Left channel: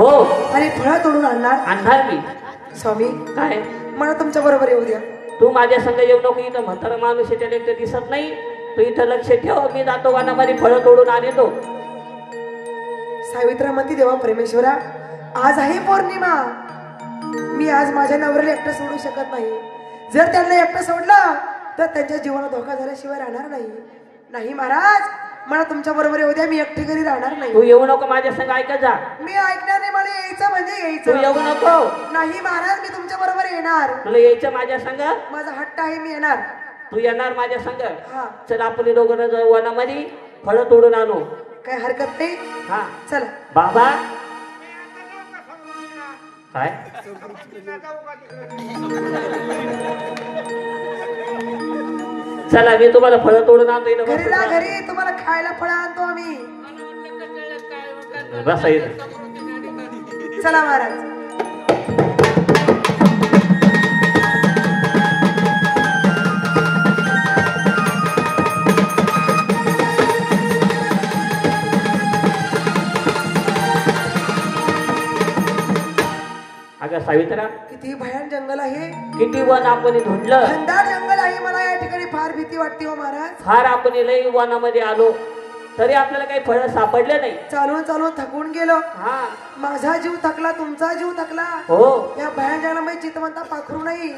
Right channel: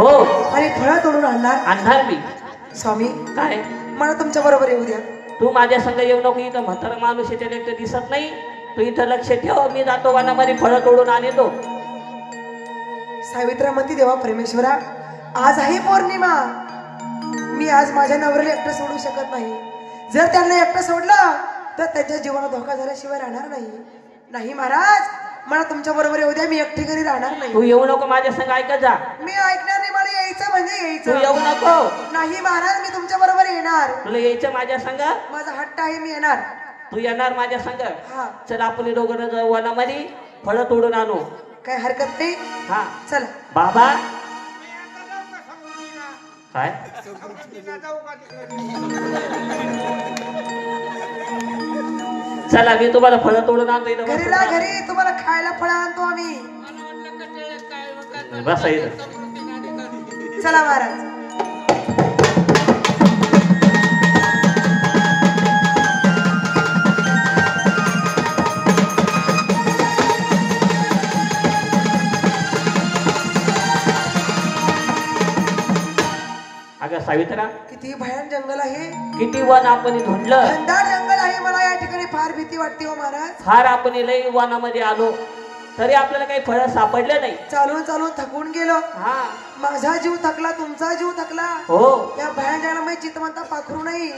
हो आणि फळं तोडून आणणार मी. स्वामी काय मला तुमच्या बरोबर येऊ द्या. तू माझ्या संग येऊ नको. इथं म्हातारा माणूस याच्या एकटं दिसत नाही. तू इथं लक्ष ठेव. मी जातो वनामध्ये फळं तोडून आणतो. सावित्रा म्हणते देवा परमेश्वरा आज आहे पौर्णिमा. मी आज माझ्या नवऱ्याला एकटं सोडू शकत नाही. जर त्यांना एकटं सोडलं तर त्यांच्या जीवाला धोका झाल्याशिवाय राहणार नाही. नाही महाराज मला तुमच्या बरोबर येऊ द्या. मी एकटी घरी राहणार नाही. तू येऊ नको माझ्या संग. ऐकत जा. मी ऐकणार नाही. मला यायचं म्हणजे तू यायचं. येऊ नको. नाही महाराज मी तुमच्या बरोबर येणार. तुला यायचं माझ्या संग. माझा हट्ट आहे मी येणार. तू येणार माझ्या संग. हा चल आपण दोघं जाऊ वनामध्ये फळं तोडून आणू. काय हरकत नाही. हा चला बाबा. काय चला मी तुम्हाला फळं तोडून आणतो. घरी ला घरी तुम्हाला खायला फळं आणतो आम्ही. बसा इथं. चला महाराज. अगं सावित्रा किती भयान जंगल आहे. किती वन आपण धुंडलं. घनदाट जंगल आहे. मला या ठिकाणी फार भीती वाटते हो महाराज. फार आपण लई वनामध्ये आलो तरी आपल्याला काही फळं सापडले नाही. चालून चालून थकून गेलो. हा माझा जीव थकला तुमचा जीव थकला. हो या भयान जंगलामध्ये चितवंता पाखरू नाही.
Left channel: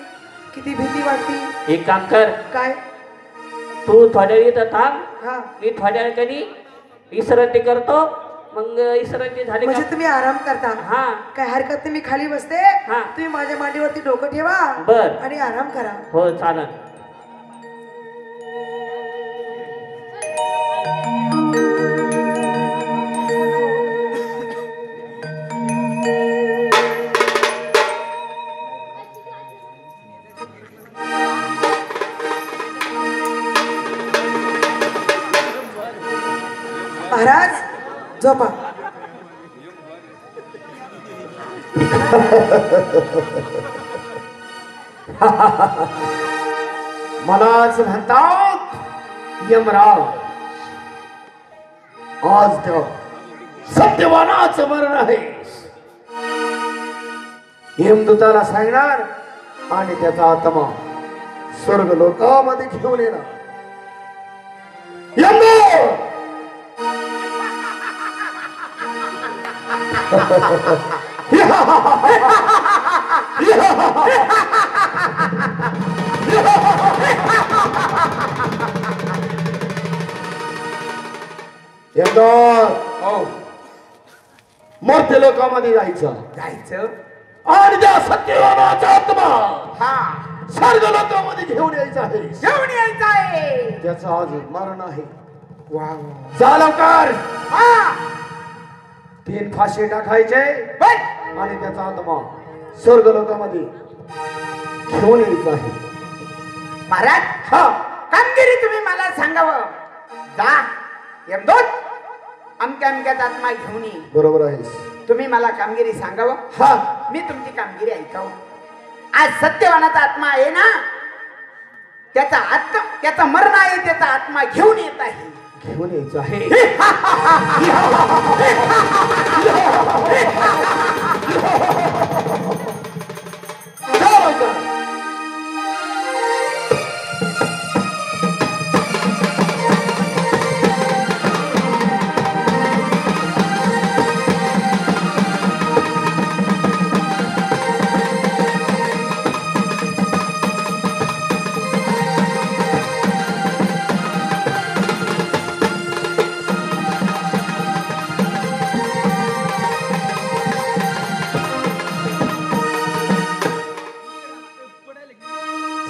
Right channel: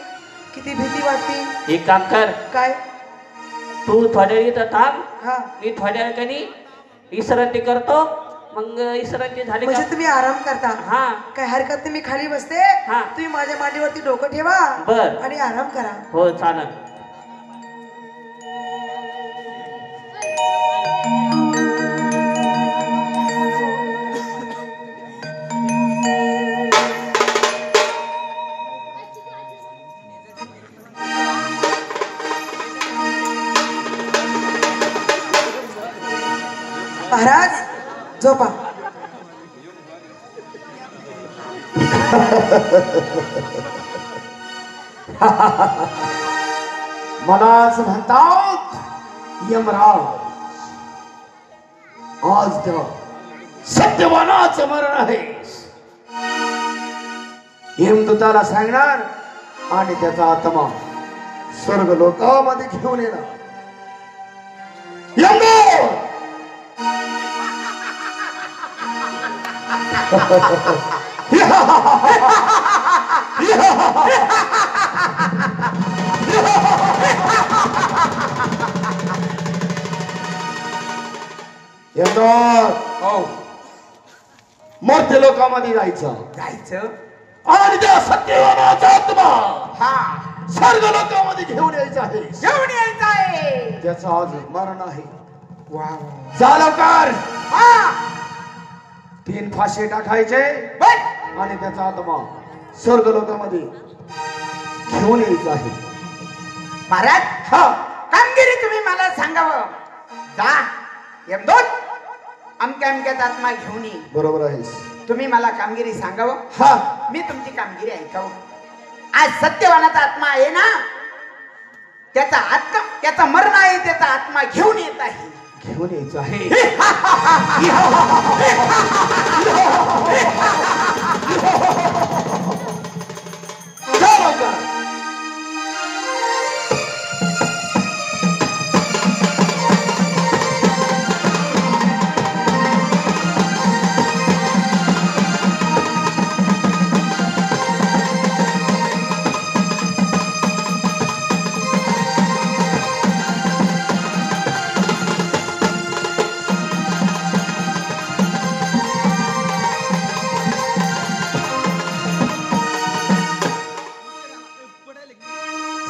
किती भीती वाटते. एक काम कर. काय तू थोड्या वेळ इथं थांब. हा मी थोड्या वेळाने विश्रांती करतो. मग विश्रांती झाली म्हणजे का? तुम्ही आराम करता. हा काय हरकत नाही. मी खाली बसते. हा. तुम्ही माझ्या मांडीवरती डोकं ठेवा बर आणि आराम करा. हो चालेल. महाराज झोपा. मलाच म्हणतात यमराज. आज त्या सत्यवानाचं मरण आहे. यमदूताला सांगणार आणि त्याचा आत्मा स्वर्ग लोकामध्ये घेऊन येणार. यमदूत मर्त्य लोकांमध्ये जायचं आणि त्या सत्यवानाचा आत्मा स्वर्ग लोकांमध्ये घेऊन यायचा आहे. त्याचं आज मरण आहे. जा लवकर. 3 फाशी टाकायचे आणि त्याचा आत्मा स्वर्ग लोकांमध्ये घेऊन यायचा आहे. महाराज हा कामगिरी तुम्ही मला सांगावं. जा यमदूत अमक्या अमक्यात आत्मा घेऊन ये. बरोबर आहेस. तुम्ही मला कामगिरी सांगावं. हा मी तुमची कामगिरी ऐकावं. आज सत्यवानाचा आत्मा आहे ना. त्याचा मरण आहे. त्याचा आत्मा घेऊन येत आहे. घेऊन यायचं आहे.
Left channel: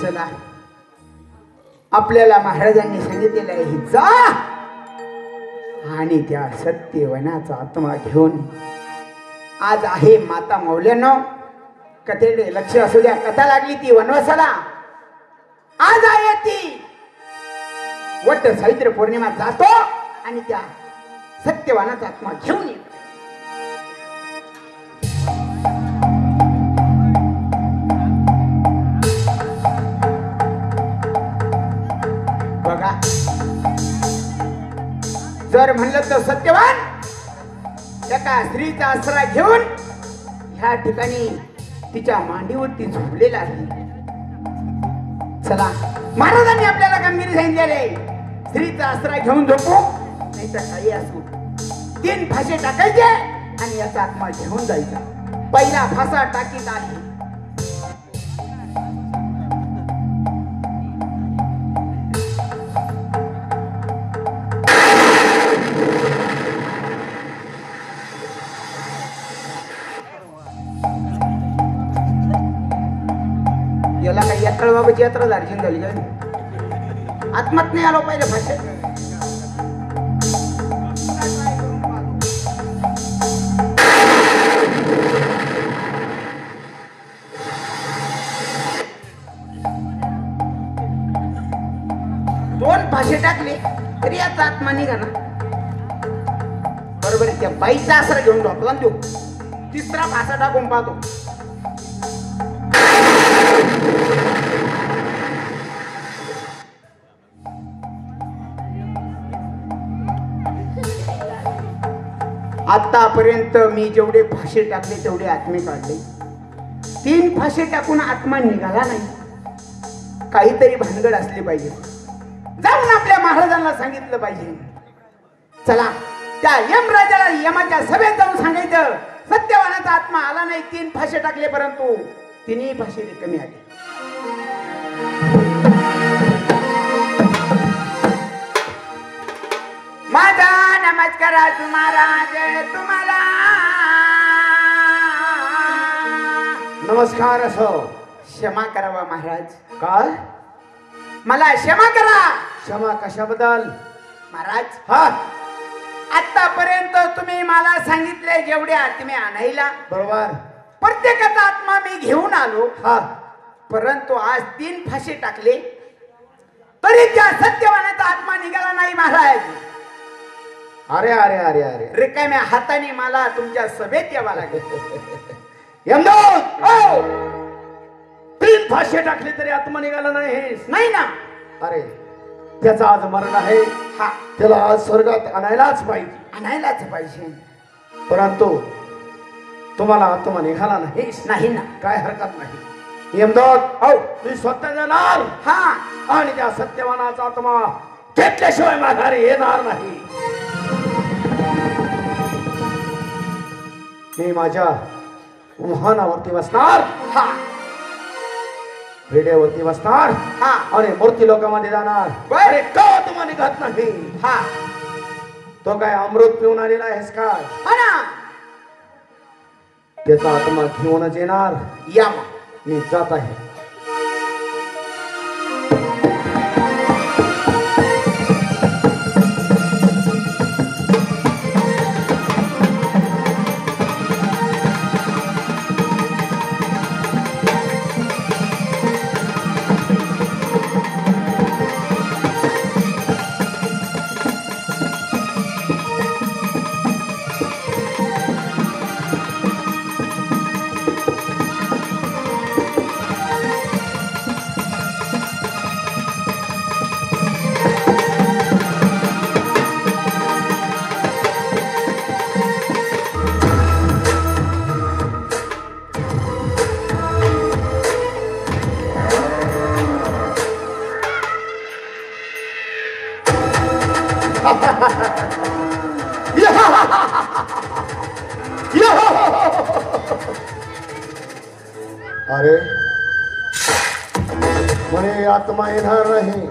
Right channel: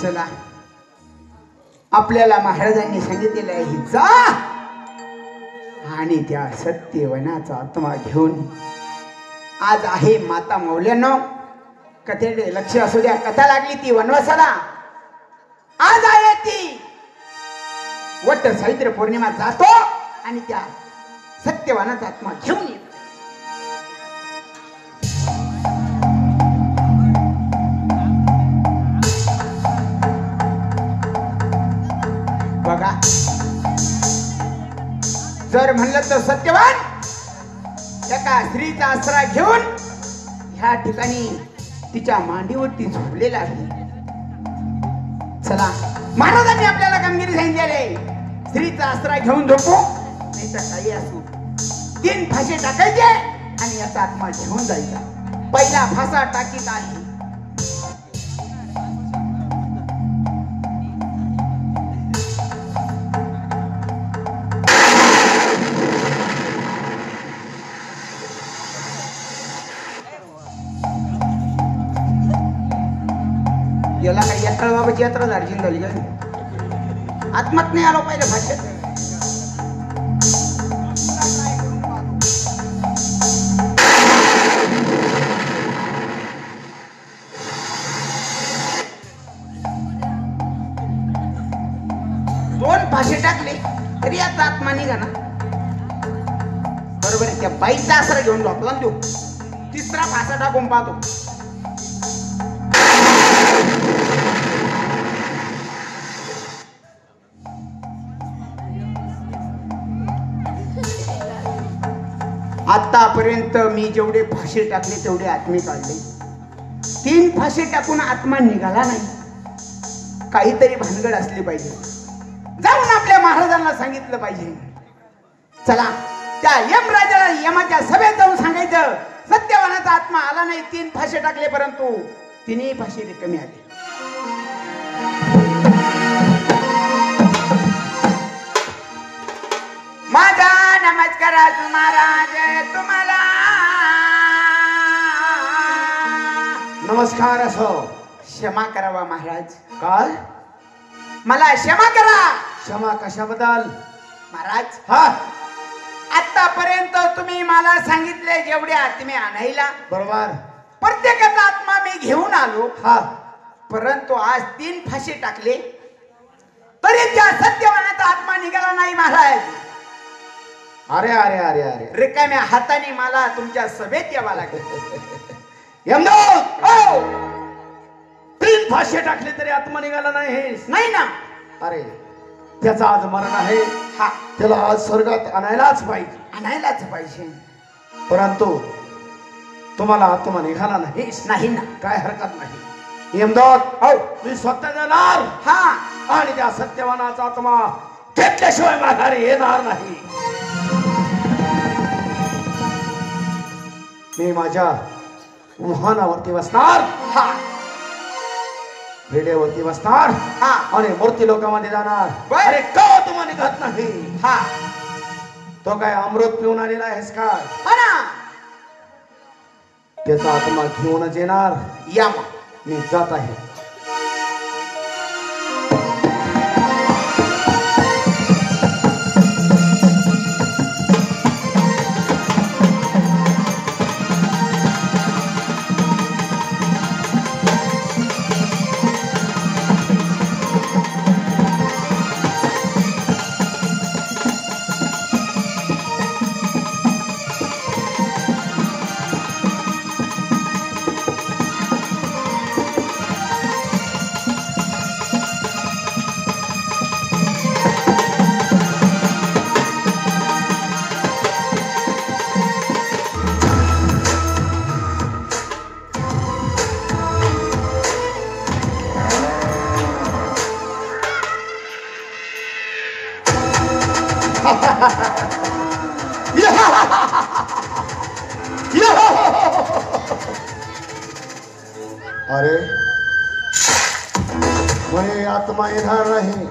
चला आपल्याला महाराजांनी सांगितलेलं आहे जा आणि त्या सत्यवनाचा आत्मा घेऊन. आज आहे माता मौल्यांनो कथेकडे लक्ष असू द्या. कथा लागली ती वनवासाला. आज आहे ती वट सावित्र पौर्णिमा. जातो आणि त्या सत्यवानाचा आत्मा घेऊन येतो. बघा जर म्हणलं तर सत्यवान त्या स्त्रीचा आसरा घेऊन ह्या ठिकाणी तिच्या मांडीवरती झोपलेला आहे. चला, महाराजांनी आपल्याला कामगिरी सांगितलेली, स्त्रीचा आसरा घेऊन झोपू, नाही तर काही असू, 3 फासे टाकायचे आणि याचा आत्मा घेऊन जायचा. पहिला फासा टाकीत आहे. याला काही यात्रा बाबाची यात्रा झाली झाली काय? आत्मात नाही आलो पाहिजे भाषेत. दोन फासे टाकले तरी याचा आत्मा निघा ना. बरोबर, त्या बाईचा आसरा घेऊन झोपला तो. तिसरा फासा टाकून पाहतो. आतापर्यंत मी जेवढे फासे टाकले तेवढे आत्मे काढले. 3 फासे टाकून आत्मा निघाला नाही. काहीतरी भानगड असली पाहिजे. जाऊन आपल्या महाराजांना सांगितलं पाहिजे. चला, त्या यमराजाला यमाच्या सभेत जाऊन सांगायचं, सत्यवानाचा आत्मा आला नाही. 3 फासे टाकले परंतु 3ही फासे रिकामी आले. माझा नमस्कार महाराज तुम्हाला. नमस्कार. असो, क्षमा करावा महाराज. काय? मला क्षमा करा. क्षमा कशाबद्दल? महाराज, हा, आतापर्यंत तुम्ही मला सांगितले जेवढे आत्मे आणायला, बरोबर, प्रत्येकाचा आत्मा मी घेऊन आलो. हा, परंतु आज 3 फासे टाकले तरी त्या सत्यवानाचा आत्मा निघाला नाही महाराज. अरे अरे अरे अरे, रिकाम्या हाताने मला तुमच्या सभेत यावं लागेल. यमदूत, 3 फासे टाकले तरी आत्मा निघाला नाही. नाही ना. अरे, त्याचा आज मरण आहे. हा, त्याला आज स्वर्गात आणायलाच पाहिजे. आणायलाच पाहिजे. परंतु तुम्हाला आत्मा निघाला नाही. नाही ना. काय हरकत नाही. यमदूत, मी स्वतः जाणार. हा, आणि त्या सत्यवानाचा आत्मा घेतल्याशिवाय माघारी येणार नाही. मी माझ्या वाहनावरती बसणार. हा, रेड्यावरती बसणार. हा, आणि मूर्ती लोकांमध्ये जाणार. बर. अरे, का तुम्हाला निघत नाही? हा, तो काय अमृत पिऊन आलेला आहेस काय? हा ना. त्याचा आत्मा घेऊनच येणार. या मग. मी जात आहे. अरे, म्हणे आत्मा येणार नाही.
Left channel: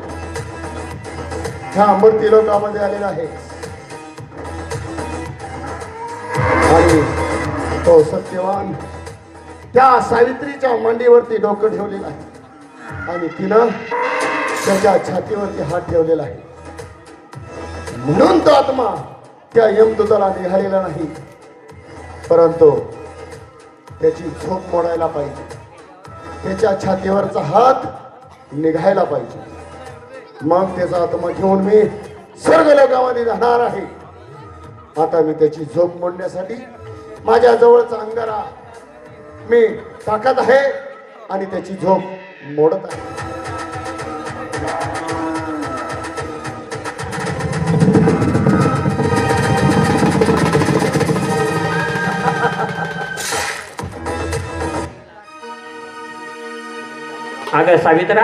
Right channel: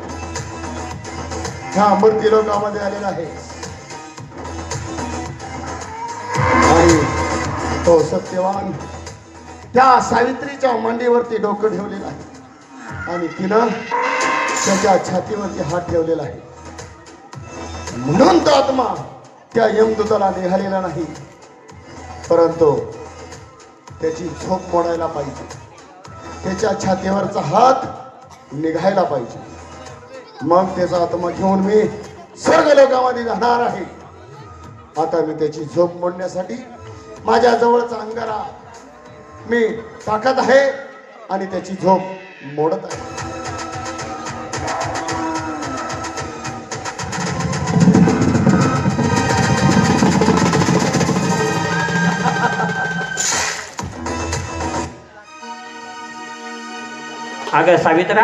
ह्या मूर्ती लोकांमध्ये आलेला आहे. आणि तो सत्यवान त्या सावित्रीच्या मांडीवरती डोकं ठेवलेलं आहे. आणि तिनं त्याच्या छातीवरती हात ठेवलेला आहे. म्हणून तो आत्मा त्या यमदूताला निघालेला नाही. परंतु त्याची झोप मोडायला पाहिजे. त्याच्या छातीवरचा हात निघायला पाहिजे. मग त्याचा आत्मा घेऊन मी स्वर्ग लोकांमध्ये जाणार आहे. आता मी त्याची झोप मोडण्यासाठी माझ्या जवळचा अंगारा मी टाकत आहे आणि त्याची झोप मोडत आहे. अगं सावित्रा,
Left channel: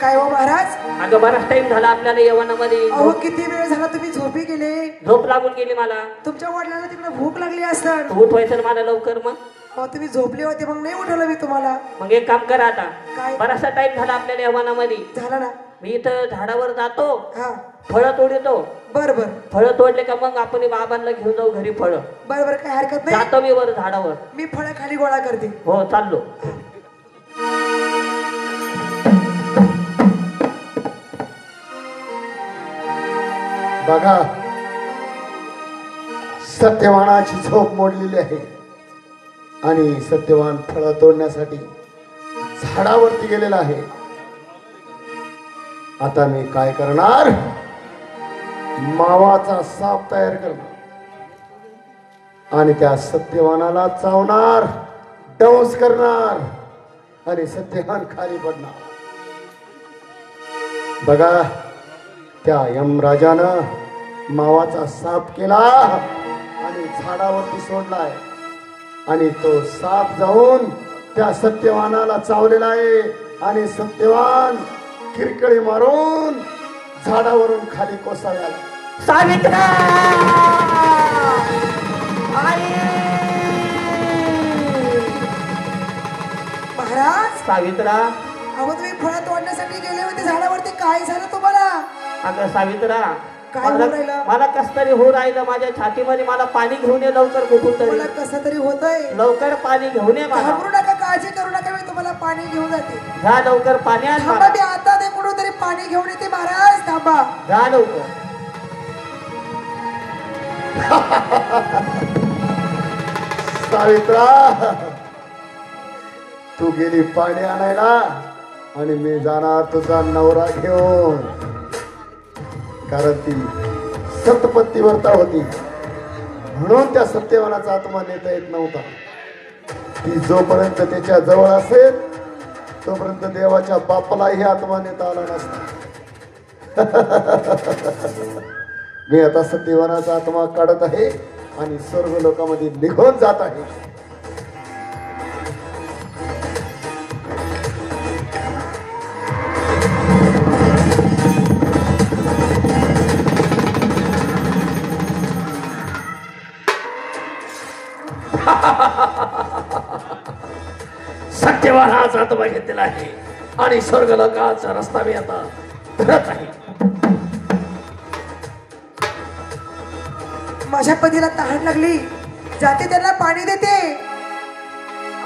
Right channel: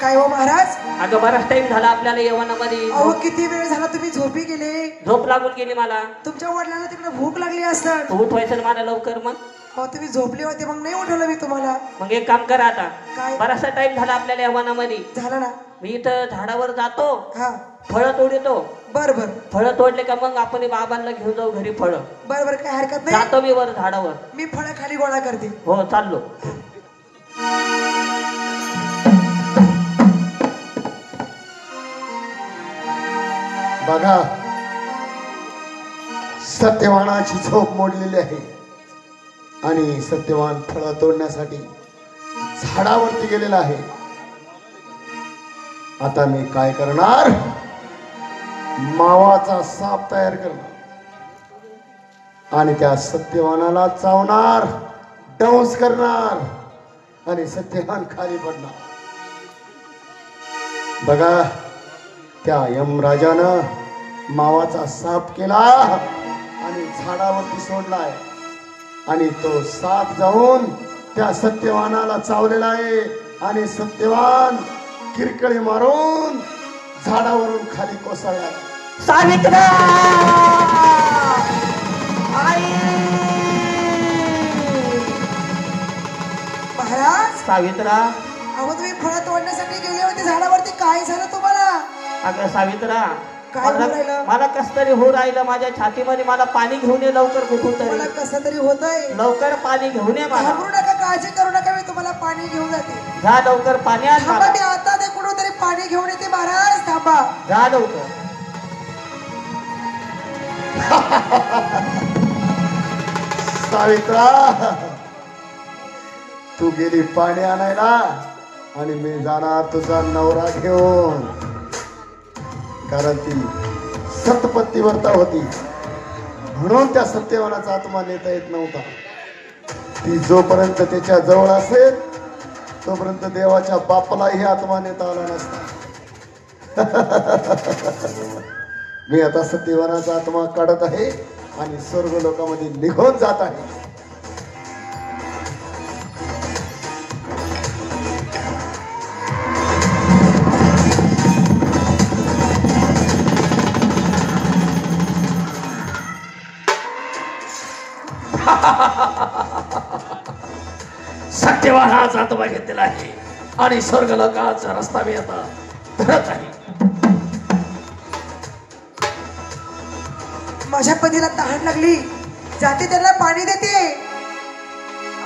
काय हो महाराज? अगं बराच टाइम झाला आपल्याला यवनामध्ये. अहो किती वेळ झाला तुम्ही झोपी गेले. झोप लागून गेली मला. तुमच्या वडिलांना तिकडे भूक लागली असेल. तू उठवायचं मला लवकर. मग अहो तुम्ही झोपले होते मग नाही उठवलं मी तुम्हाला. मग एक काम करा आता. काय? बराचसा टाइम झाला आपल्याला यवनामध्ये. झालं ना? मी इथं झाडावर जातो, हा फळं तोडतो. बर बर फळं तोडले का मग आपण बाबांना घेऊन जाऊ घरी फळं. बर बर काय हरकत नाही. जातो मी वर झाडावर. मी फळं खाली गोळा करते. हो चाललो. बघा, सत्यवानाची झोप मोडलेली आहे आणि सत्यवान फळं तोडण्यासाठी झाडावरती गेलेला आहे. आता मी काय करणार? मावाचा साप तयार करणार आणि त्या सत्यवानाला चावणार, डंस करणार आणि सत्यवान खाली पडणार. बघा, त्या यमराजानं मावाचा साप केला आणि झाडावरती सोडलाय आणि तो साप जाऊन त्या सत्यवानाला चावलेला आहे आणि सत्यवान किरकळी मारून झाडावरून खाली कोसळला. सावित्रा, महाराज सावित्रा. अहो तुम्ही फळं तोडण्यासाठी गेले होते झाडावरती. काय झालं तुम्हाला? अगं सावित्रा, काय होऊ राहिलं? मला कस तरी हो राहिलं माझ्या छातीमध्ये. मला पाणी घेऊन ये लवकर कुठून तरी. मला कसं तरी होतंय. लवकर पाणी घेऊन ये मला. घाबरू नका, काळजी करू नका, मी तुम्हाला पाणी घेऊन जाते. जा लवकर पाणी आण थांबा, मला. मी आता ते कुठून तरी पाणी घेऊन येते. महाराज थांबा. जा लवकर. सावित्रा, तू गेली पाणी आणायला आणि मी जाणार तुझा नवरा घेऊन. कारण ती सतपत्ती व्रता होती म्हणून त्या सत्यवानाचा आत्मा नेता येत नव्हता. ती जोपर्यंत त्याच्या जवळ असेल तोपर्यंत देवाच्या बापालाही आत्मा नेता आला नसता. मी आता सत्यवानाचा आत्मा काढत आहे आणि स्वर्ग लोकांमध्ये निघून जात आहे. सत्यवानाचा आत्मा घेतलेला आहे आणि स्वर्ग लोकांचा रस्ता मी आता धरत आहे. माझ्या पतीला तहान लागली, जाते त्यांना पाणी देते.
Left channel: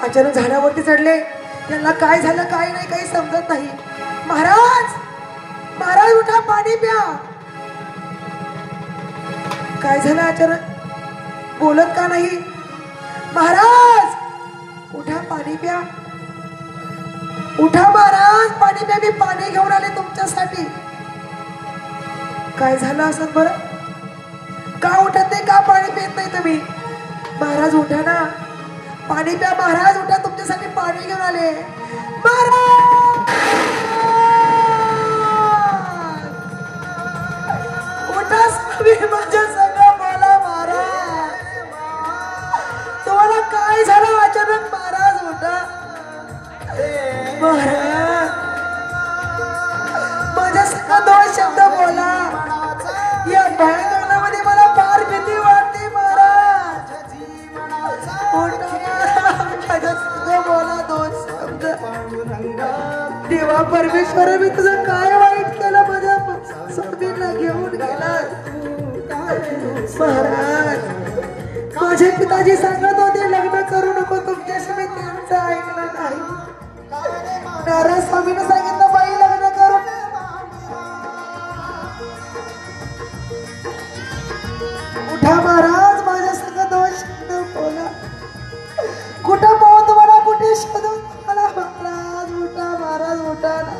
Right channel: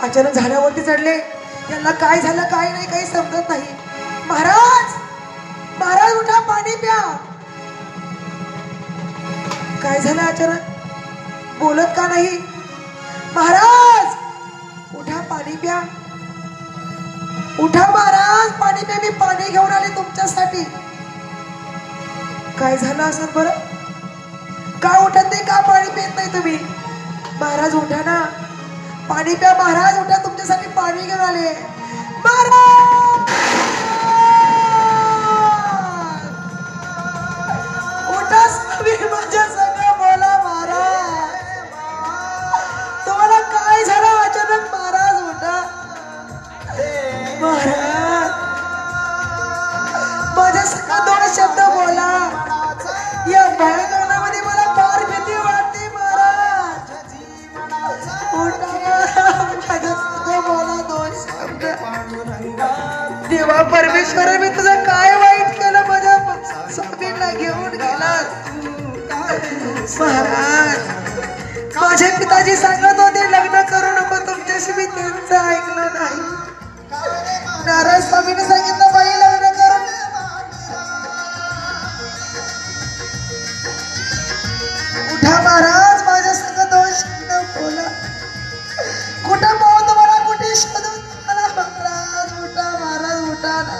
अचानक झाडावरती चढले. त्यांना काय झालं काय नाही काही समजत नाही. महाराज, महाराज उठा, पाणी प्या. काय झालं अचानक? बोलत का नाही? महाराज उठा, पाणी प्या. उठा महाराज, पाणी प्या. मी पाणी घेऊन आले तुमच्यासाठी. काय झालं असं बरं? का उठत नाही? का पाणी पित नाही तुम्ही? महाराज उठा ना, पाणी प्या. महाराज उठा, तुमच्यासाठी पाणी घेऊन आले. महाराज उठा, माझ्या संग बोला. महाराज तुम्हाला काय झालं अचानक? महाराज उठा. महाराज माझ्या संग दोन शब्द बोला. या भयंकरमध्ये मला फार भीती वाटते. महाराज उठा, माझ्या संग बोला दोन शब्द. देवा परमेश्वर, मी तुझं काय वाईट केलं? माझ्या स्वामींना घेऊन गेला. महाराज माझे पिताजी सांगत होते लग्न करू नको तुमच्याशी. मी त्यांचं ऐकलं नाही. नारायण स्वामीने सांगितलं बाई लग्न करू. उठा महाराज, माझ्या संग दोन शब्द बोला. कुठं पाहू तुम्हाला, कुठे शोधू तुम्हाला? महाराज उठा, महाराज उठा ना.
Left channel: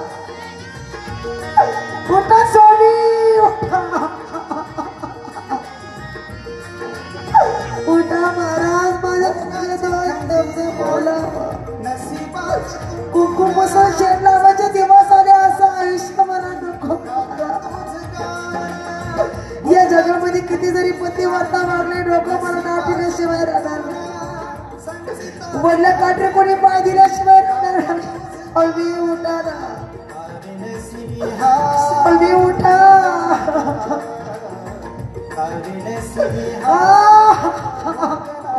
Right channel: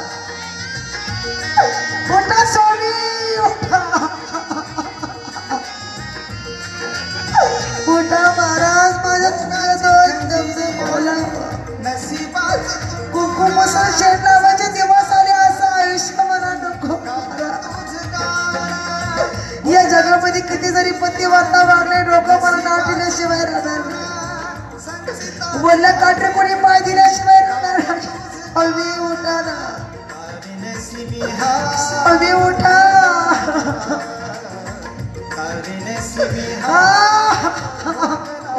उठा स्वामी, उठा. उठा महाराज, माझ्या संग दोन शब्द बोला. कुंकुमसह शेण लावायचे दिवस आले, असं आयुष्य मला नको. या जगामध्ये किती जरी पतिव्रता वागले, डोकं मला नाव दिल्याशिवाय राहणार नाही. वल्ला काटे कोणी पाय दिल्याशिवाय राहणार नाही. अभी उठा ना अभी उठा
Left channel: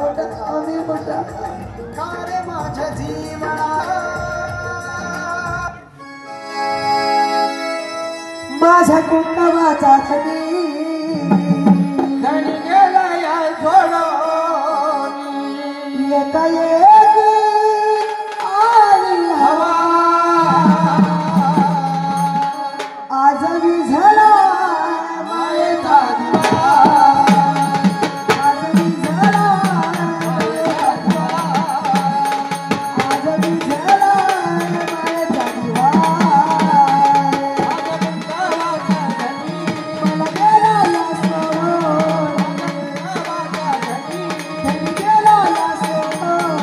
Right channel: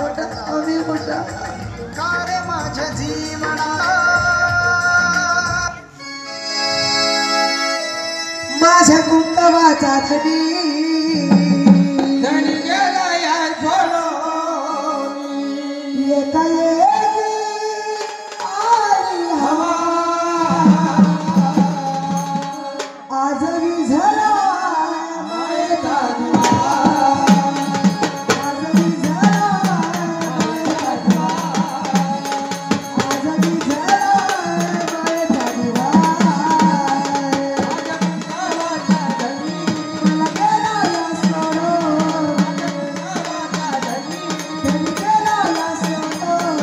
उठा अभी उठा माझ्या जीवना माझ्या कुटुंबाचा धनी धनी गेला या येता येते आली हवा आज विझला मायेचा दिवा आज विझला मायेचा दिवा आज विझला मायेचा दिवा मला गेला या सोडून धनी गेला या सोडून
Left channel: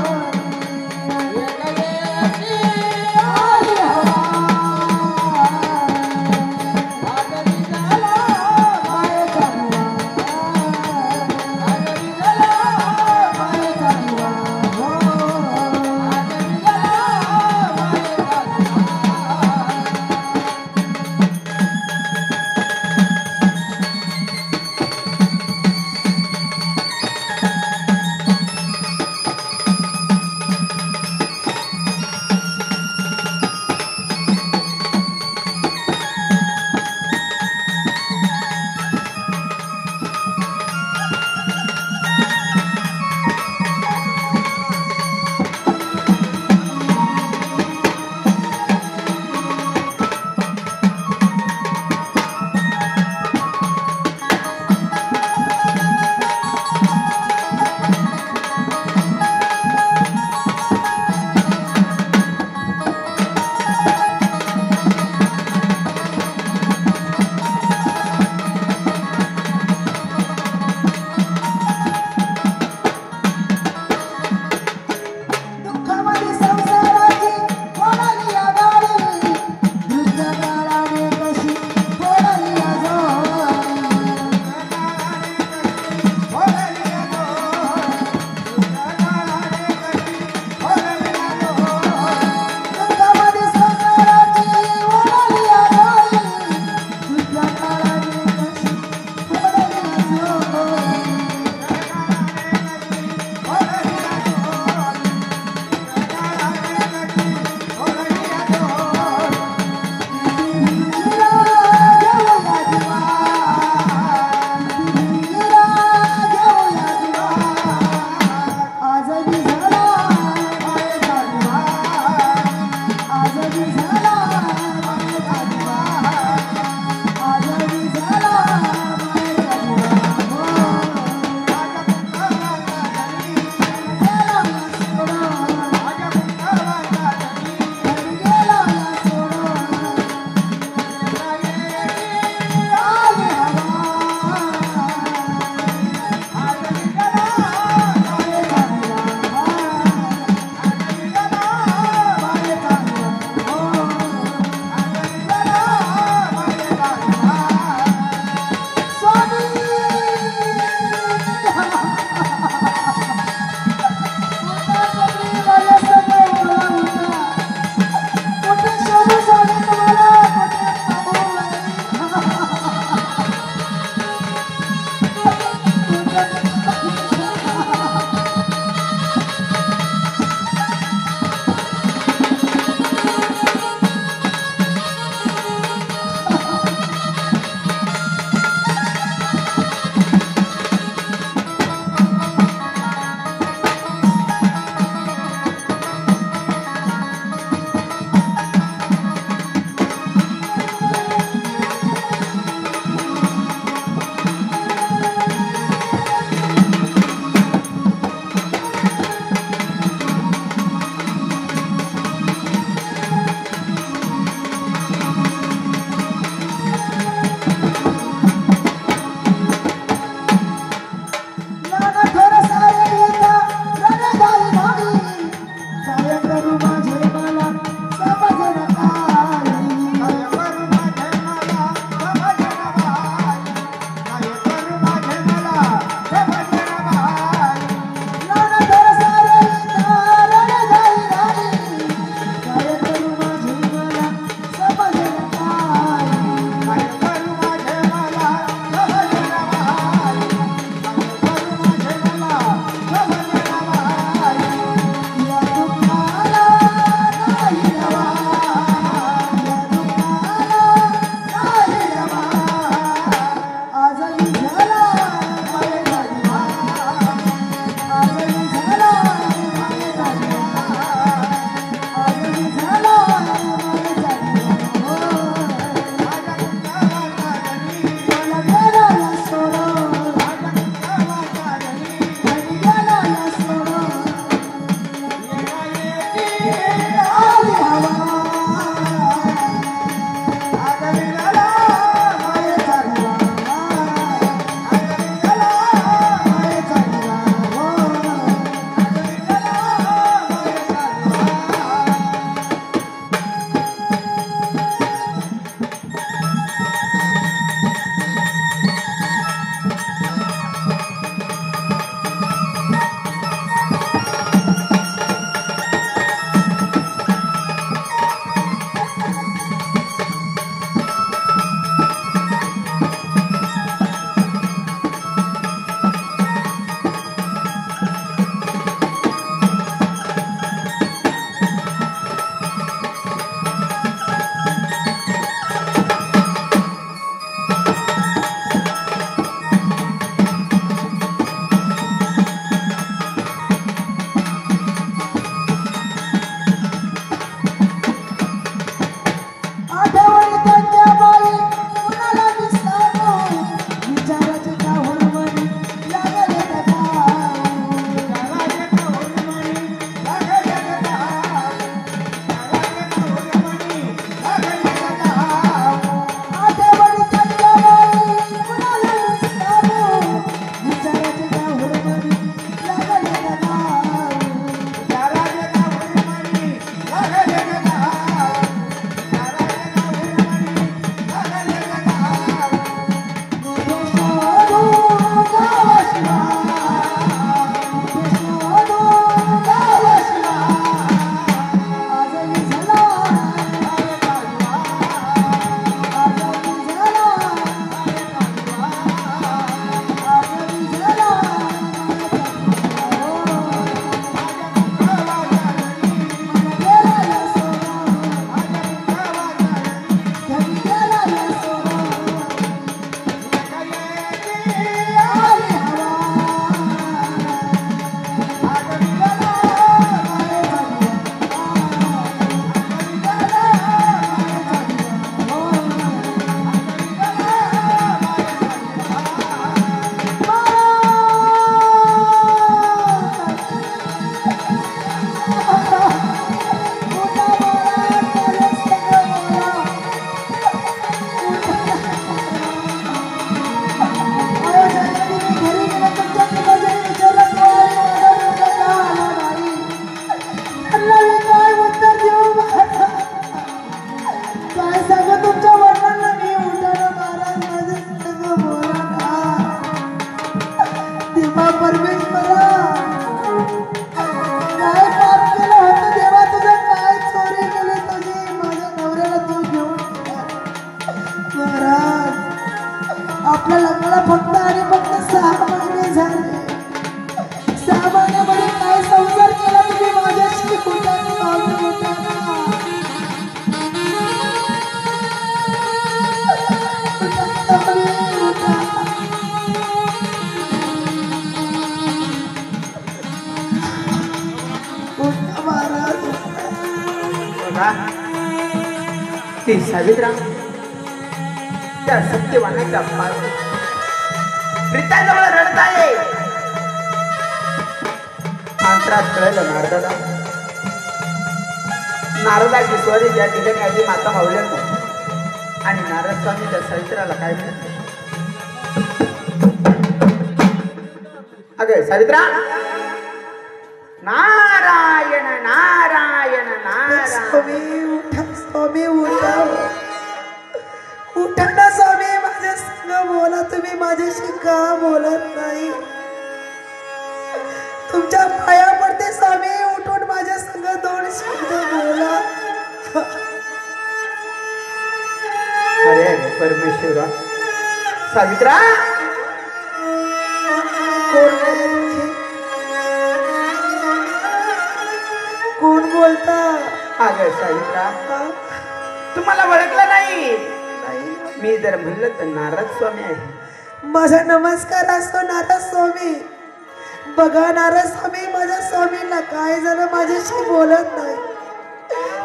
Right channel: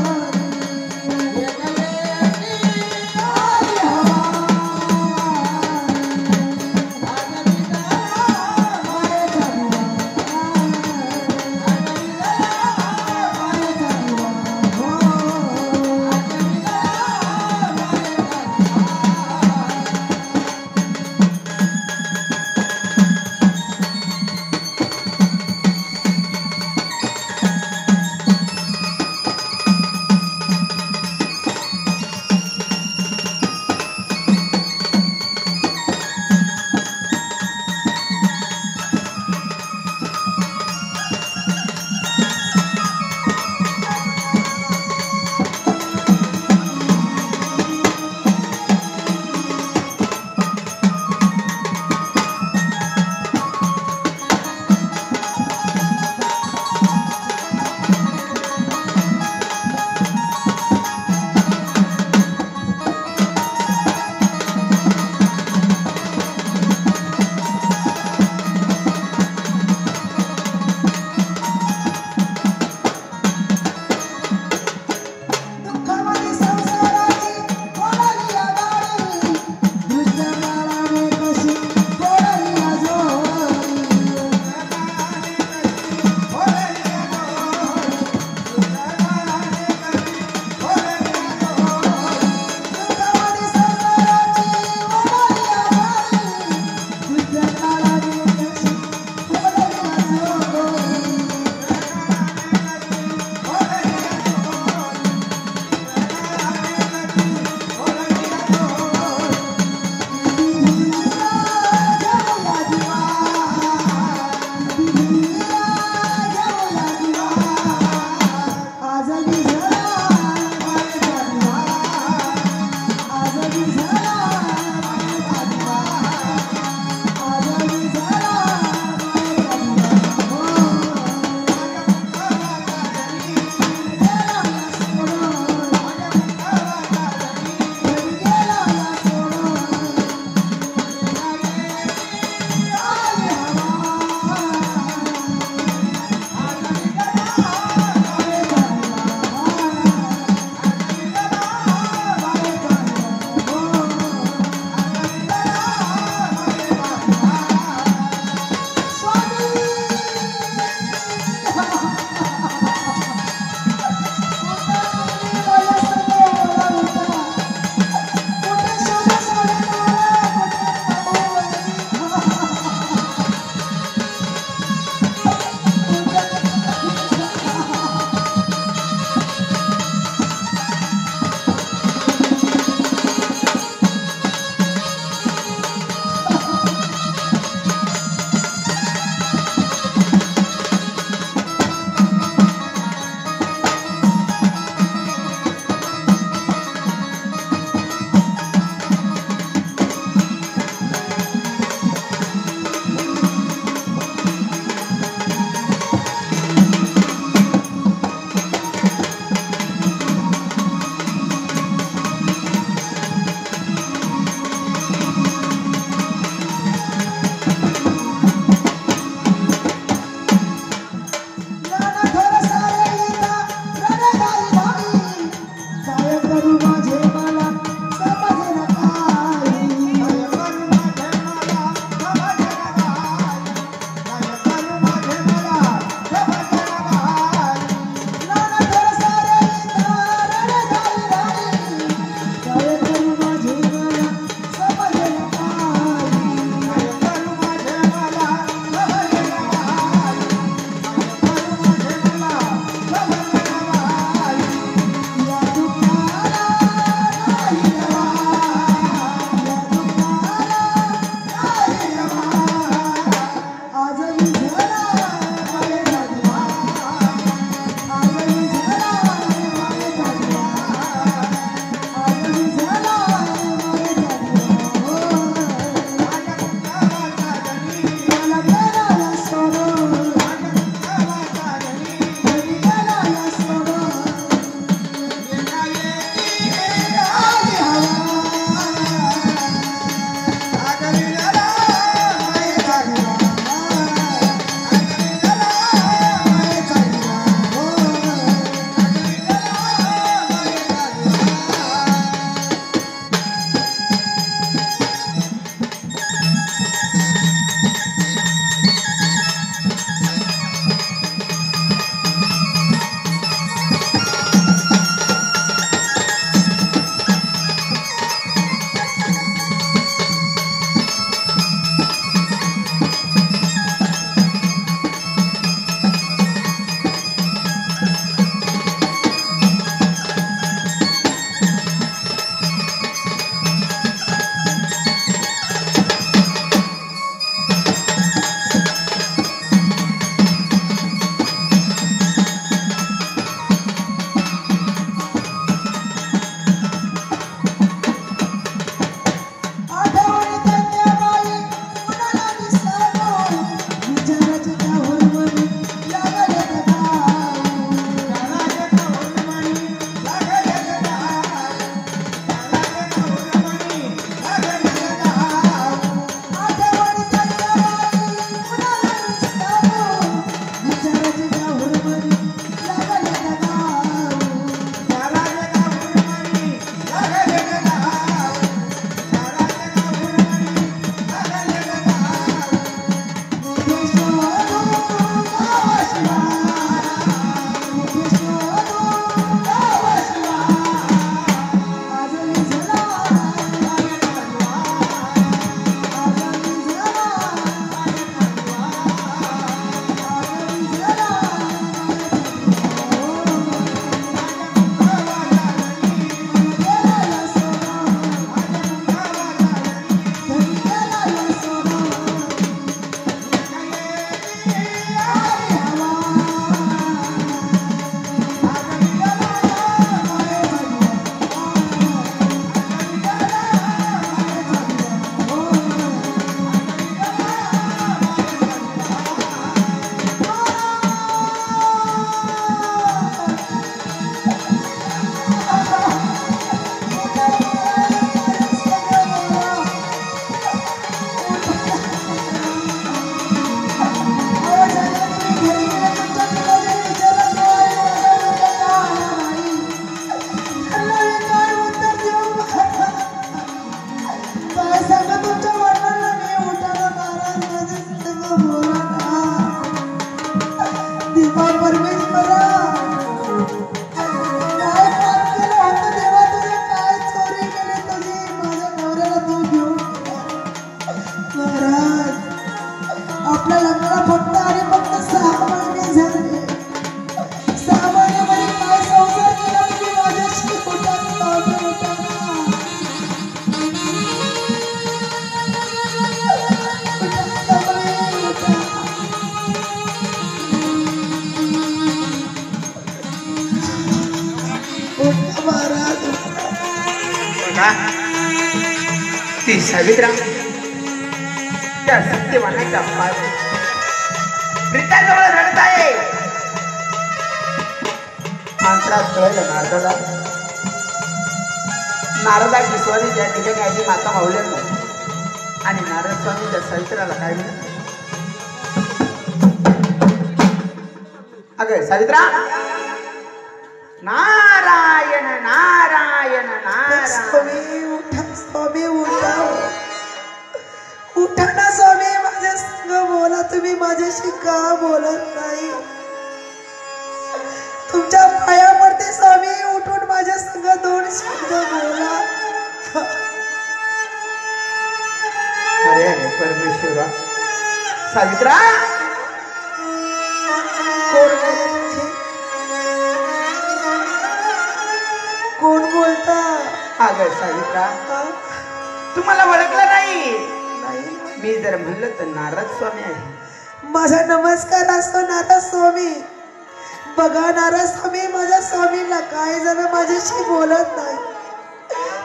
सावित्रा, ती सावित्रा त्या सत्यवानाचा प्रीताजवळ रडत आहे. मंत्रात कळलं नारदाला. नारदाची स्वारी ज्या ठिकाणी आली माता माऊल्यांना आणि नारद स्वामी त्या सावित्राला काय म्हणत, अगं सावित्रा, नारायण नारायण नारायण. स्वामी उठा, स्वामी उठा, उठा ना स्वामी, माझ्या संग बोला. तुम्ही माझ्याशी का बोलत नाही? तुमच्या पाया पडते स्वामी, उठून माझ्या संग 2 शब्द बोला. अरे अरे परमेश्वरा, सावित्रा कोण बोलता? अगं सावित्रा, तुम्हाला ओळखलं नाही? मी जर म्हणलं तर नारद स्वामी आहे. माझा नमस्कार असतो नारद स्वामी. बघा नारद स्वामी, माझ्या स्वामीला काय जण माझ्याशी बोलत नाही,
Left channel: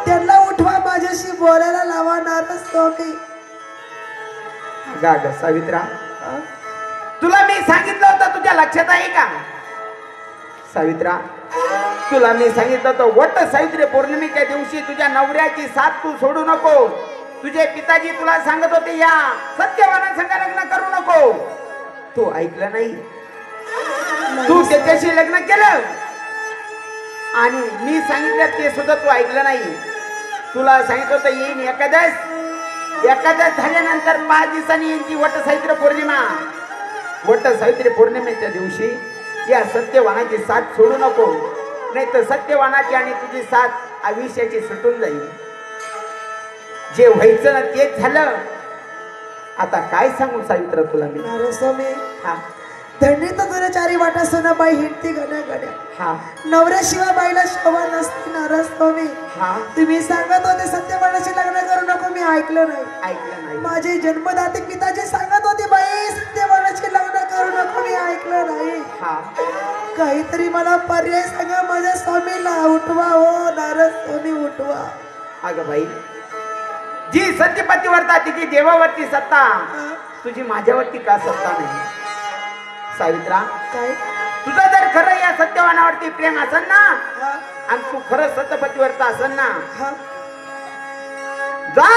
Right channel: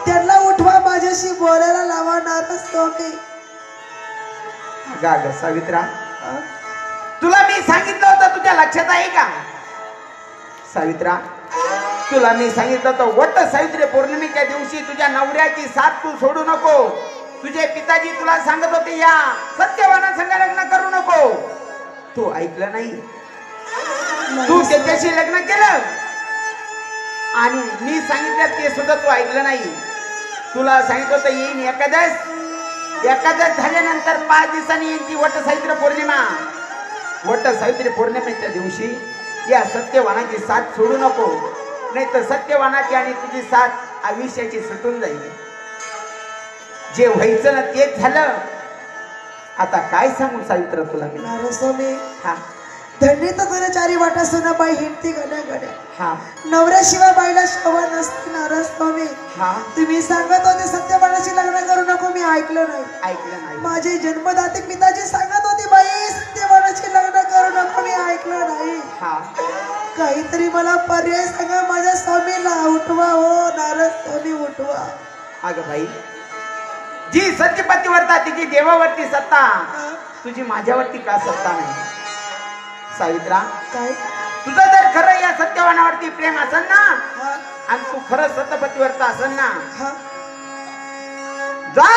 त्यांना उठवा, माझ्याशी बोलायला लावा नारद स्वामी. अगं सावित्रा, तुला मी सांगितलं होतं, तुझ्या लक्षात आहे का? सावित्रा, तुला मी सांगितलं होतं वट सावित्री पौर्णिमेच्या दिवशी तुझ्या नवऱ्याची साथ तू सोडू नको. तुझे पिताजी तुला सांगत होते या सत्यवाना संग लग्न करू नको. तू ऐकलं नाही, तू त्याच्याशी लग्न केलं आणि मी सांगितलं ते सुद्धा तू ऐकलं नाही. तुला सांगितलं होतं येईन एकादश झाल्यानंतर 5 दिवसांनी येईल ती वट सावित्री पौर्णिमा. वट सावित्री पौर्णिमेच्या दिवशी या सत्यवानाची साथ सोडू नको, नाही तर सत्यवानाची आणि तुझी साथ आयुष्याची सुटून जाईल. जे व्हायचं ना तेच झालं. आता काय सांगू सावित्र तुला मी? नारद स्वामी, हा धन्य तर तुला 4 वाटा सोना बाई हिंडती गड्या गड्या. हा नवऱ्याशिवाय बाईला शोभा नसते. नारद स्वामी, हा तुम्ही सांगत होते सत्यवानाशी लग्न करू नको, मी ऐकलं नाही. ऐकलं नाही. माझे जन्मदाते पिताजी सांगत होते बाई सत्यवानाशी लग्न करू नको, मी ऐकलं नाही. हा काहीतरी मला पर्याय सांगा, माझ्या स्वामीला उठवा. हो नारद स्वामी उठवा. अगं बाई, जी सत्यपतीवरता तिची देवावरती सत्ता, तुझी माझ्यावरती का सत्ता नाही? सावित्रा, काय तुझं जर खरं या सत्यवानावरती प्रेम असेल ना, हा, आणि तू खरं सत्यपतीवरता असेल ना, हा. जा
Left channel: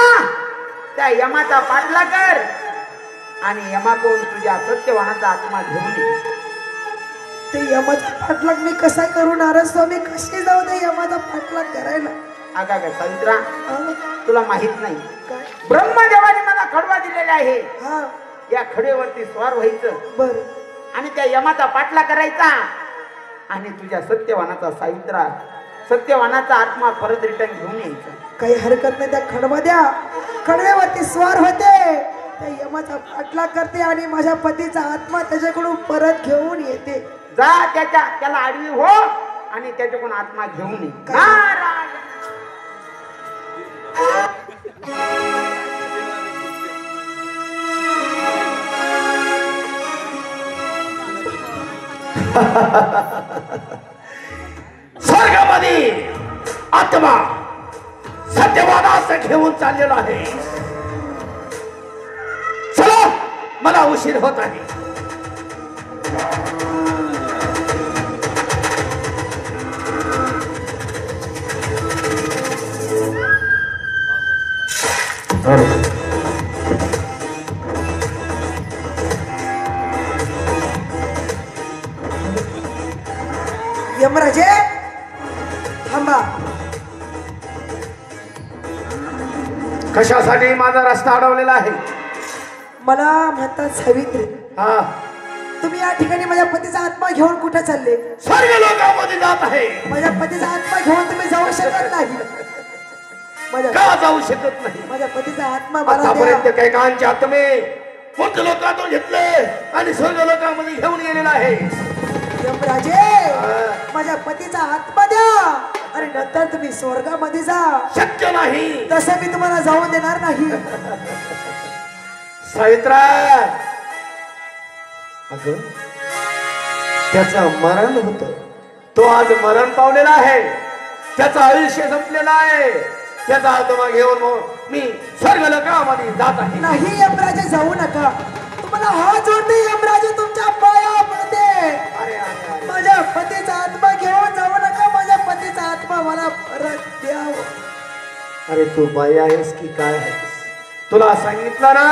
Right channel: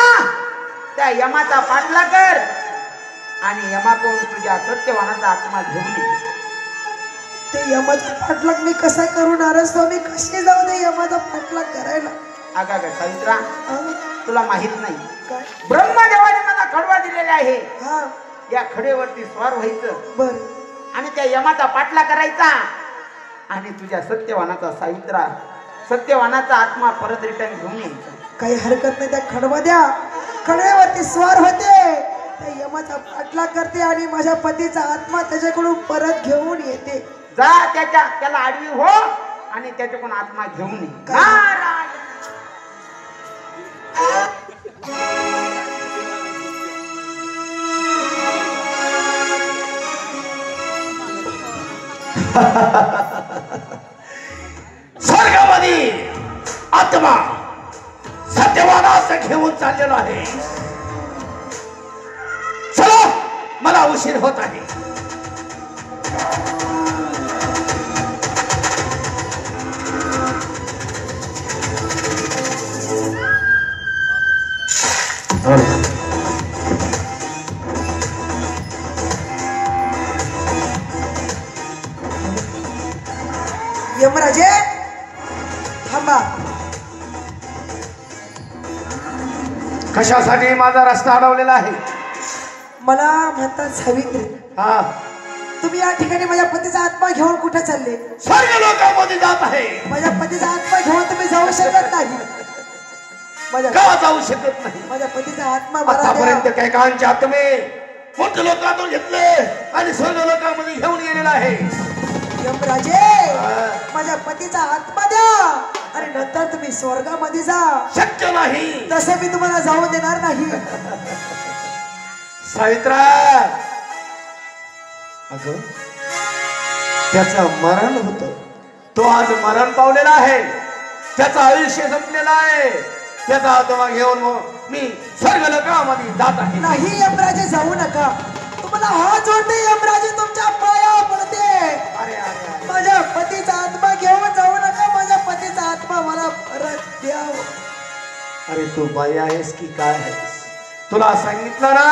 त्या यमाचा पाठला कर आणि यमाकडून तुझ्या सत्यवानाचा आत्मा घेऊन ये. ते यमाचा पाठलाग मी कसा करू नारद स्वामी? कशी जाऊ ते यमाचा पाठलाग करायला? अगं सावित्रा, हा, तुला माहित नाही, काय? ब्रह्मदेवाने मला खडवा दिलेला आहे. हा, या खडेवरती स्वार व्हायचं बर. आणि त्या यमाचा पाठला करायचा आणि तुझ्या सत्यवानाचा सावित्रा, सत्यवानाचा आत्मा परत रिटर्न घेऊन यायचा. काही हरकत नाही, त्या खडवा द्या. खडव्यावरती स्वार होते, त्या यमाचा पाठलाग करते आणि माझ्या पतीचा आत्मा त्याच्याकडून परत घेऊन येते. जा त्याला आडवी हो आणि त्याच्याकडून आत्मा घेऊन ये. नारायण. स्वर्गामध्ये आत्मा सत्यवानास घेऊन चाललेला आहे. चला, मला उशीर होत आहे. यमराजे थांबा. कशासाठी माझा रस्ता अडवलेला आहे? मला म्हणतात सावित्री, हा, तुम्ही या ठिकाणी माझ्या पतीचा आत्मा घेऊन कुठे चालले? स्वर्ग लोकांमध्ये जात आहे. माझ्या पतीचा आत्मा घेऊन तुम्ही जाऊ शकत नाही. का जाऊ शकत नाही? माझ्या पतीचा आत्मा मला द्या. आतापर्यंत काही काळांचे आत्मे मोठ लोकांतून घेतले आणि स्वर्ग लोकांमध्ये घेऊन गेलेला आहे. यमराजे, माझ्या पतीचा आत्मा द्या आणि नंतर तुम्ही स्वर्गामध्ये जा. शक्य नाही. तसं मी तुम्हाला जाऊ देणार नाही. सावित्रा, अगं त्याचं मरण होत, तो आज मरण पावलेला आहे. त्याचं आयुष्य संपलेलं आहे. त्याचा आत्मा घेऊन मग मी स्वर्ग लोकामध्ये जात आहे. नाही यमराजे, जाऊ नका. तुम्हाला हात जोडते यमराजे, तुमच्या पाया पडते. अरे अरे माझ्या पतीचा आत्मा घेऊन जाऊ नका. माझ्या पतीचा आत्मा मला परत द्या. अरे तू बाई आहेस की काय आहेस? तुला सांगितलं ना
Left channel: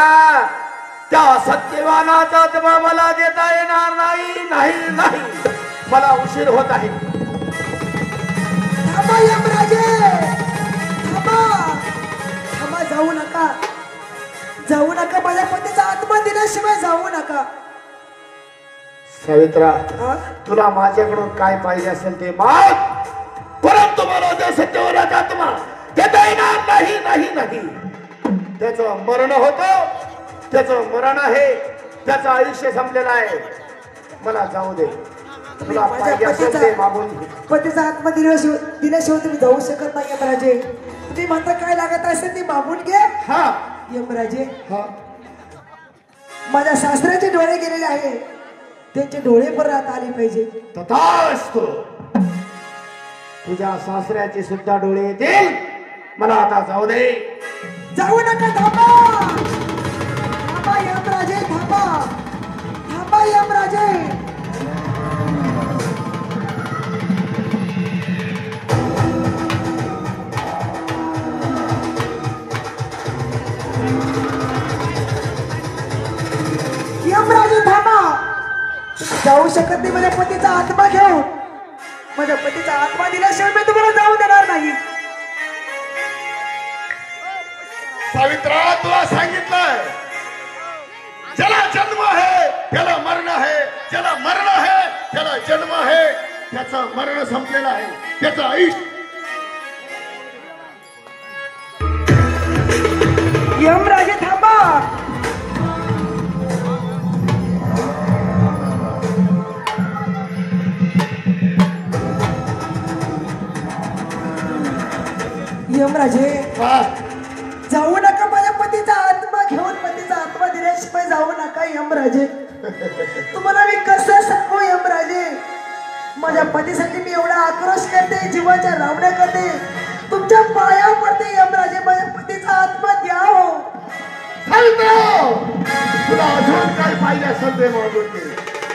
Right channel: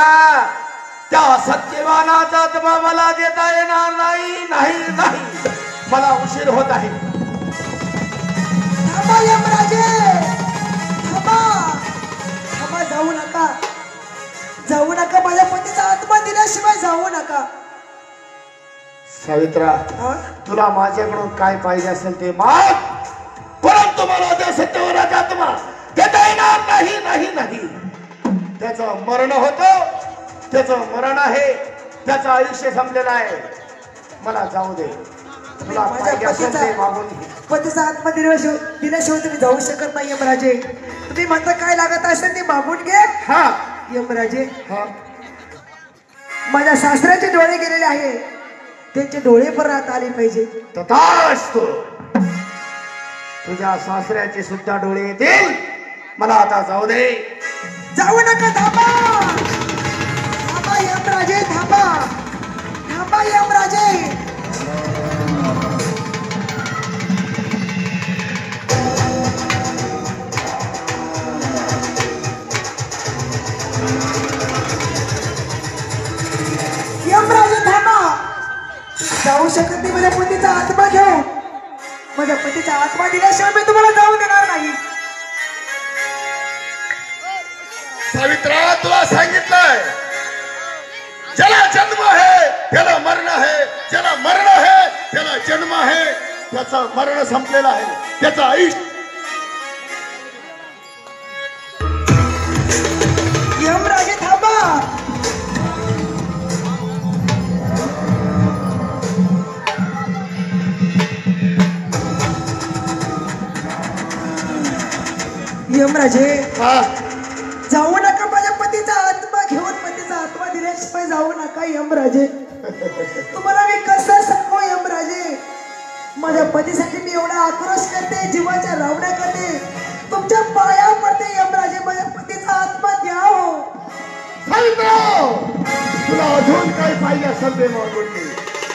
त्या सत्यवानाचा आत्मा मला देता येणार नाही. नाही नाही मला उशीर होत आहे. थांबा यमराजे, थांबा. थांबा, जाऊ नका. जाऊ नका. माझ्या पतीचा आत्मा दिल्याशिवाय जाऊ नका. सावित्रा, हा? तुला माझ्याकडून काय पाहिजे असेल ते माग, परंतु मला त्या सत्यवानाचा आत्मा देता येणार नाही. नाही नाही त्याचं मरण होतं. त्याचं मरण आहे. त्याचं आयुष्य संपलेलं आहे. मला जाऊ दे. तुला माझ्या पाहिजे असेल ते पतीचा मागून घे. पतीचा आत्मा दिल्याशिवाय तुम्ही जाऊ शकत नाही यमराजे. तुम्ही म्हणता काय लागत असेल ते मागून घे. हा यमराजे, हा माझ्या सासऱ्याचे डोळे गेलेले आहे, त्यांचे डोळे परत आले पाहिजे. तथास्तु. तुझ्या सासऱ्याचे सुद्धा डोळे येतील. मला आता जाऊ दे. जाऊ नका. थांबा. थांबा यमराजे, थांबा. थांबा यमराजे. यमराजे थांबा. जाऊ शकत नाही. माझ्या पतीचा आत्मा घेऊ. माझ्या पतीचा आत्मा दिल्याशिवाय मी तुम्हाला जाऊ देणार नाही. सावित्रा, तुला सांगितलंय ज्याला जन्म आहे त्याला मरण आहे. ज्याला मरण आहे त्याला जन्म आहे. त्याचं मरण संपलेलं आहे. त्याचं आयुष्य. यमराजे थांबा. यमराजे, हा, जाऊ नका. माझ्या पतीचा आत्मा घेऊन, पतीचा आत्मा दिल्याशिवाय जाऊ नका यमराजे. तुम्हाला मी कसं सांगू यमराजे? माझ्या पतीसाठी मी एवढा आक्रोश करते, जीवाच्या रावण्या करते, तुमच्या पाया पडते यमराजे. माझ्या पतीचा आत्मा द्या हो. सावित्रा, तुला अजून काय पाहिजे असेल ते मागून घे,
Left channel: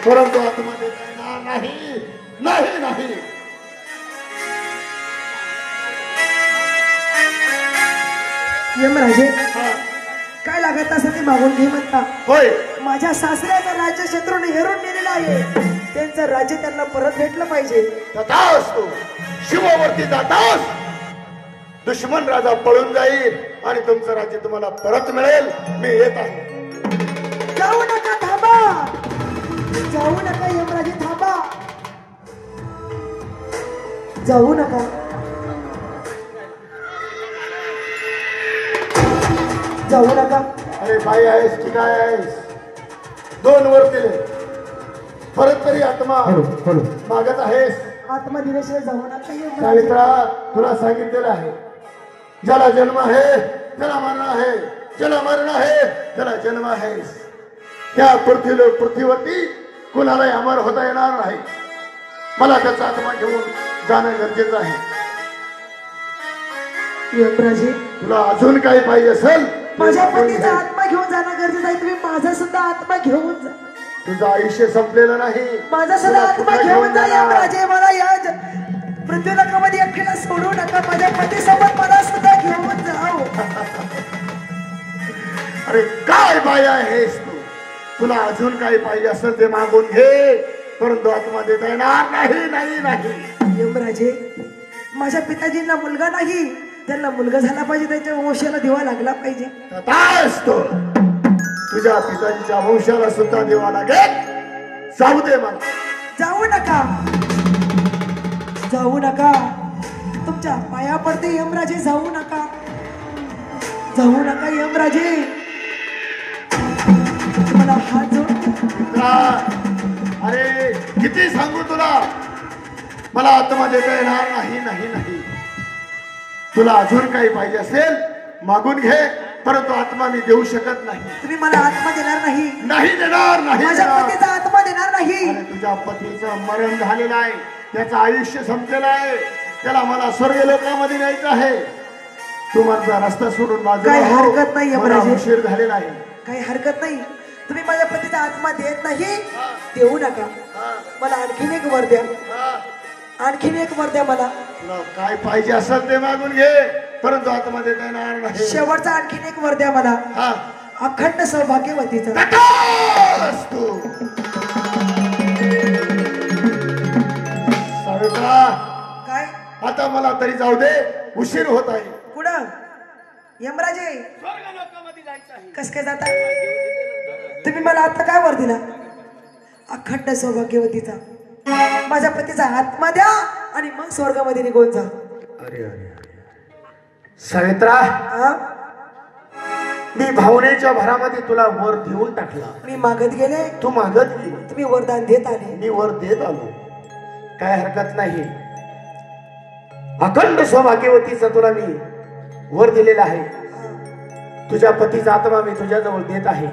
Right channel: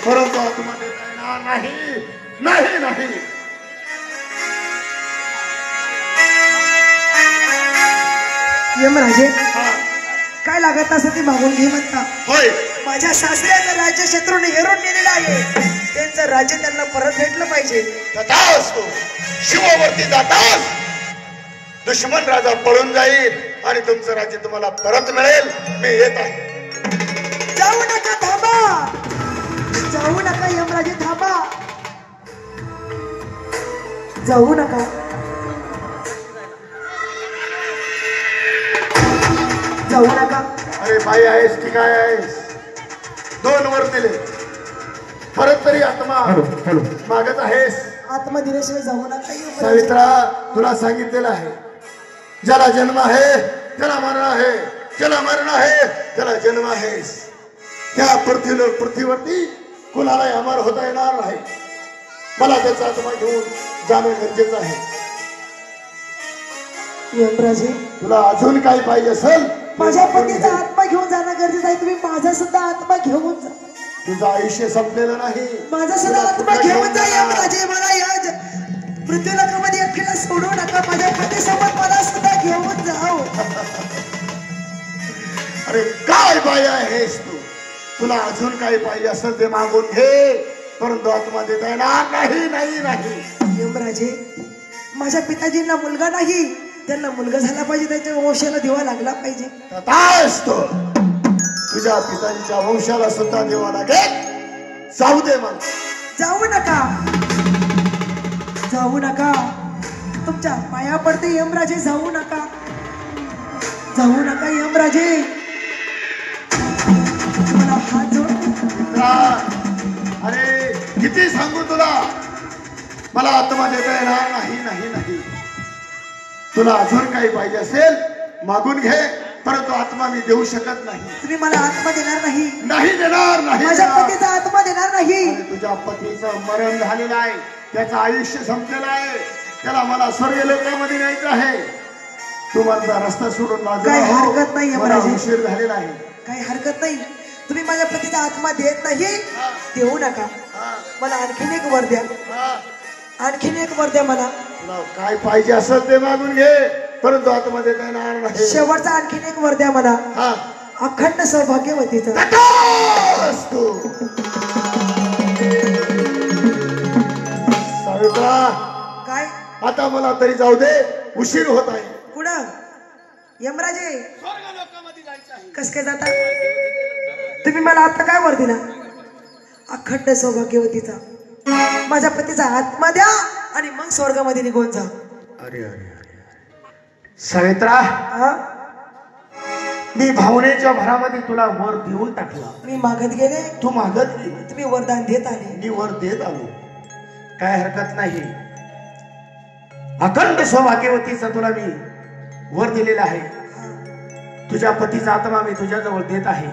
परंतु आत्मा देता येणार नाही. नाही नाही यमराजे, हा, काय लागत असं ती मागून घे म्हणता. होय. माझ्या सासऱ्याचं राज्य शत्रूने हेरून नेलेलं आहे. त्यांचं राज्य त्यांना परत भेटलं पाहिजे. तथास्तु. शिवावरती जाताच दुश्मन राजा पळून जाईल आणि तुमचं राज्य तुम्हाला परत मिळेल. मी येत आहे. जाऊ नका. थांबा. जाऊ नका यमराजे, थांबा. जाऊ नका. जाऊ नका. अरे बाई आहेस की काय आहेस? 2 वर दिले, परत तरी आत्मा मागत आहेस. आत्मा दिल्याशिवाय जाऊ नका यमराजे. सावित्रा, तुला सांगितलेलं आहे ज्याला जन्म आहे त्याला मरण आहे. ज्याला मरण आहे त्याला जन्म आहेस. त्या पृथ्वीवरती कुणालाही अमर होता येणार नाही. मला त्याचा आत्मा घेऊन जाणं गरजेचं आहे. यमराजे, तुला अजून काही पाहिजे असेल माझ्या पतीचा आत्मा घेऊन जाणं गरजेचं आहे. तुम्ही माझा सुद्धा आत्मा घेऊन जा. तुझं आयुष्य संपलेलं नाही. माझा सुद्धा तुला आत्मा कुठं घेऊन जा जाणार? यमराजे. मला या पृथ्वीलोकामध्ये एकट्याला सोडू नका. माझ्या पतीसोबत मला सुद्धा घेऊन जाओ. अरे काय बाया आहेस तू? तुला अजून काही पाहिजे असेल ते मागून घे, परंतु आत्मा देता येणार नाही. नाही नाही यमराजे, माझ्या पिताजींना मुलगा नाही, त्यांना मुलगा झाला पाहिजे. त्यांच्या वंशाला दिवा लागला पाहिजे. तथास्तु. तुझ्या पितांच्या वंशाला सुद्धा देवा लागेल. जाऊ दे मला. जाऊ नका. जाऊ नका. तुमच्या पाया पडते यमराजे. जाऊ नका. जाऊ नका यमराजे. मला हात जोड. मित्रा, अरे किती सांगू तुला, मला आत्मा देता येणार नाही. नाही नाही तुला अजून काही पाहिजे असेल मागून घे, परंतु आत्मा मी देऊ शकत नाही. तुम्ही मला आत्मा देणार नाही. नाही देणार. नाही माझ्या देणार. पतीचा आत्मा देणार नाही. आणि तुझ्या पतीचं मरण झालेलं आहे. त्याचं आयुष्य संपलेलं आहे. त्याला मला स्वर्ग लोकांमध्ये न्यायचं आहे. तू माझा रस्ता सोडून काही हरकत नाही, मला यमराजे. उशीर झालेला आहे. काही हरकत नाही. तुम्ही माझ्या पतीचा आत्मा देत नाही, देऊ नका. मला आणखीन एक वर द्या, आणखीन एक वर द्या मला. तुला काय पाहिजे असेल ते मागून घे, परंतु आत्मा देता येणार नाही. शेवटचा आणखीन एक वर द्या मला, हा अखंड सौभाग्यवतीचं. तू सावित्रा, काय आता मला तरी जाऊ दे, उशीर होत आहे. कुठं यमराजे? कस काय जाता तुम्ही? मला आता काय वर दिला? अखंड सौभाग्यवतीचा. माझ्या पतीचा आत्मा द्या आणि मग स्वर्गामध्ये निघून जा. अरे अरे सावित्रा, हा? मी भावनेच्या भरामध्ये तुला वर देऊन टाकला. मी मागत गेले, तू मागत गेली, तुम्ही वरदान देत आले. मी वर देत आलो. काय हरकत नाही. अखंड सौभाग्यवतीचा तुला मी वर दिलेला आहे. तुझ्या पतीचा आत्मा मी तुझ्याजवळ देत आहे.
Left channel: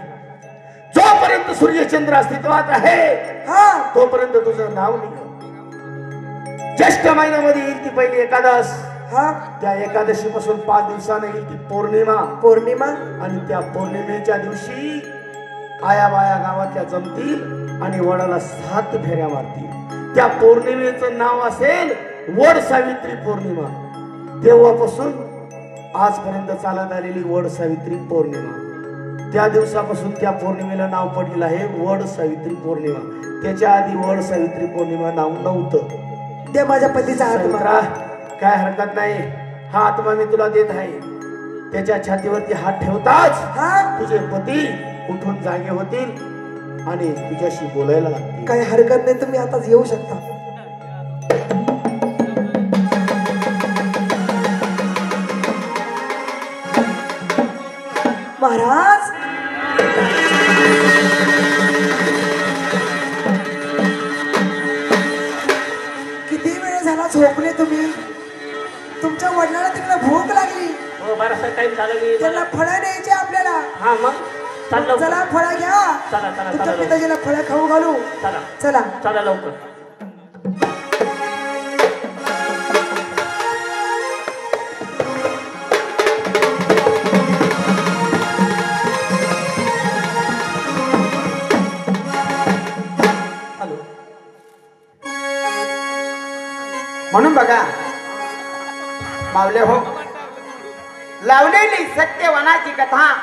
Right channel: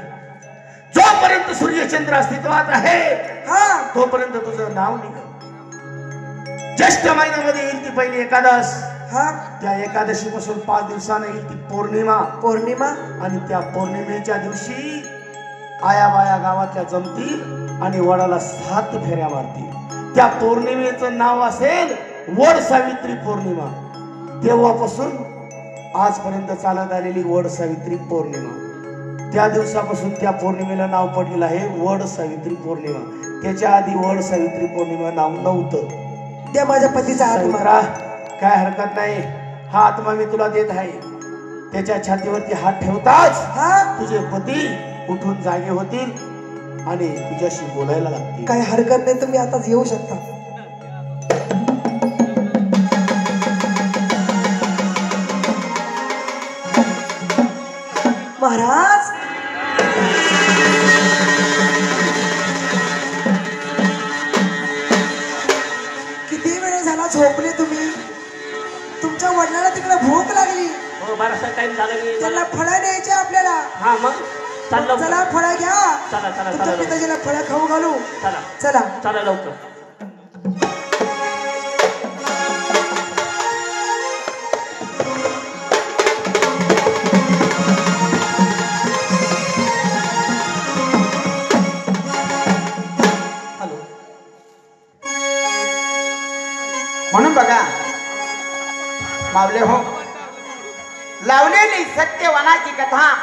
जोपर्यंत सूर्यचंद्र अस्तित्वात आहे हा, तोपर्यंत तुझं नाव निघेल. ज्येष्ठ महिन्यामध्ये येईल ती पहिली एकादश. हा, त्या एकादशी पासून 5 दिवसानं येईल ती पौर्णिमा. पौर्णिमा. आणि त्या पौर्णिमेच्या दिवशी आया बाया गावातल्या जमतील आणि वडाला 7 फेऱ्या मारतील. त्या पौर्णिमेचं नाव असेल वड सावित्री पौर्णिमा. तेव्हापासून आजपर्यंत चालत आलेली वड सावित्री पौर्णिमा. त्या दिवसापासून त्या पौर्णिमेला नाव पडलेलं आहे वड सावित्री पौर्णिमा. त्याच्या आधी वड सावित्री पौर्णिमा नाव नव्हतं. द्या माझ्या पतीचा आत्मा. सावित्रा, काय हरकत नाही. हा आत्मा मी तुला देत आहे. त्याच्या छातीवरती हात ठेवताच हा, तुझे पती उठून जागे होतील आणि तुझ्याशी बोलायला लागतील. काही हरकत नाही, तुम्ही आताच येऊ शकता. महाराज, किती वेळ झाला झोपले तुम्ही? तुमच्या वडिलांना तिकडे भूक लागली, हो बराचसा टाइम झाला. मी त्यांना फळं द्यायचे आपल्याला. हा मग चाललो. चला फळं घ्या, चला चला तुमच्या चला लवकर. पिताजीला फळं खाऊ घालू. चला चला. चला लवकर. हॅलो. म्हणून बघा मावले हो, लावलेली सत्यवनाची कथा